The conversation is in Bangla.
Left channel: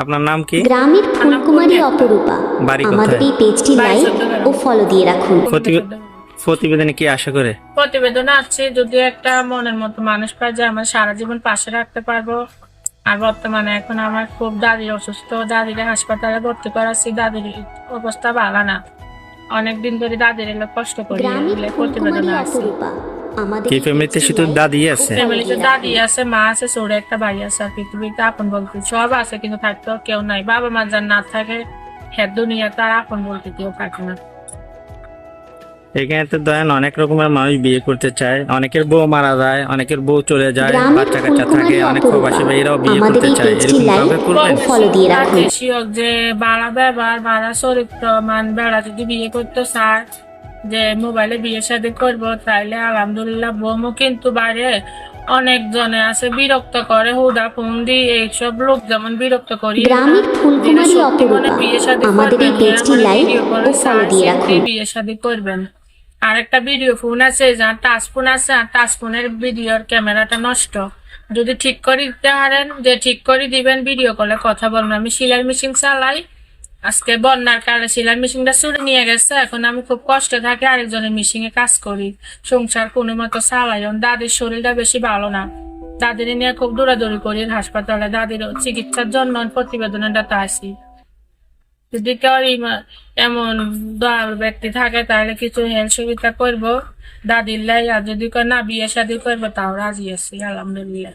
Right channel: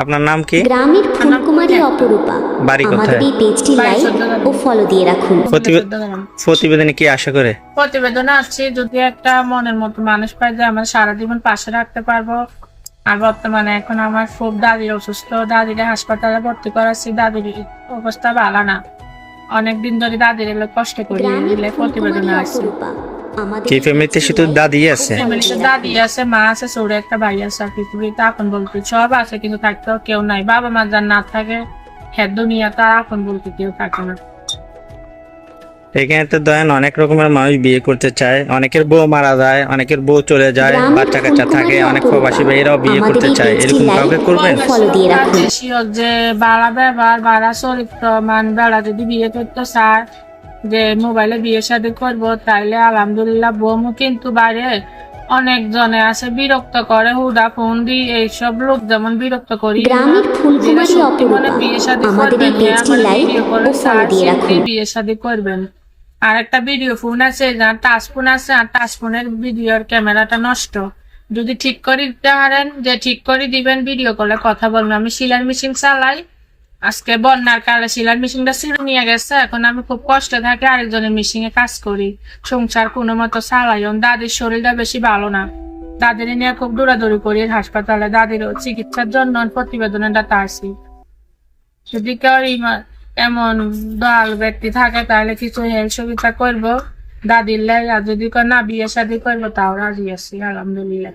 আপনার নাম কি? গ্রামের ফুলকুমারী অপরূপা। বাড়ি আমাদের কোথায়? এই পেজটি লাইক ও ফলো দিয়ে রাখুন। প্রতিবেদনে কি আশা করে? প্রতিবেদনে আছে যদি একটা মনের মতো মানুষ পাই যে আমার সারা জীবন পাশে রাখতে পারবো। আর বর্তমানে এখন আমার খুব দাদির অসুস্থ, দাদির হাসপাতালে ভর্তি করাচ্ছি, দাদির অবস্থা ভালো না, অনেকদিন ধরে দাদির এলে কষ্ট করি। গ্রামের এলে ফুলকুমারী প্রতিবেদনে আছে অপরূপা। আমাদের কি এই ফ্যামিলিতে পেজটি শুধু লাইক দাদি ও আছে? ফলো ফ্যামিলিতে দিয়ে দাদি রাখুন। আছে, মা আছে, ছোট একটা ভাই আছে। আর পৃথিবীতে আপন বলতে সব আছে, কিন্তু থাকতেও কেউ নাই। বাবা মা যার না থাকে, হ্যাঁ দুনিয়া তার আপন বলতে কেউ থাকে না। এখানে তো ধরেন অনেক রকমের মানুষ বিয়ে করতে চায়, অনেকের বউ মারা যায়, অনেকের বউ চলে যায়, গ্রামের বাচ্চা কাচ্চা থাকে, ফুলকুমারী অনেক অপরূপা। প্রবাসী ভাইয়েরাও বিয়ে আমাদের করতে এই চায়, পেজটি এরকম লাইক কাউকে করবেন? ও ফলো দিয়ে রাখুন। বেশি হোক যে বাড়া ব্যবহার, বাড়া চরিত্র, বেড়া যদি বিয়ে করতে চায় যে মোবাইলে বিয়ে শাদী করবো, তাইলে আলহামদুলিল্লাহ। বউমু কিন্তু বাইরে অনেক জনে আছে বিরক্ত করে, হুদা ফোন দি এইসব লোক যেমন বিরক্ত করি। গ্রামের ফুলকুমারী অপরূপা। বিয়ে শাদী আমাদের এই পেজটি লাইক ও ফলো দিয়ে রাখুন। বিয়ে শাদী করবেন। আর একটা ভিডিও ফোন আছে, যার টাচ ফোন আছে, আর টাচ ফোনের ভিডিওর ক্যামেরাটা নষ্ট। যদি ঠিক করে দিতে পারেন, যে ঠিক করে দিবেন, ভিডিও কলে কথা বলবেন। আমি সেলাই মেশিন চালাই, আজকে বন্যার কারণে সেলাই মেশিনটা চুরি নিয়ে গেছে, এখন আমি খুব কষ্টে থাকি, আরেকজনের মেশিনে কাজ করি, সংসার কোনো মতো চালাই। দাদির শরীরটা বেশি ভালো না, দাদির নিয়ে খুব দৌড়াদৌড়ি করি হাসপাতালে, দাদির চিকিৎসার জন্য প্রতিবেদনটা আসি। যদি কেউ এমন দয়াল ব্যক্তি থাকে তাহলে কিছু হেল্প সুবিধা করবো দাদির লাই। আর যদি না বিয়ে শাদী করবো তাও রাজি আছি, আলহামদুলিল্লাহ।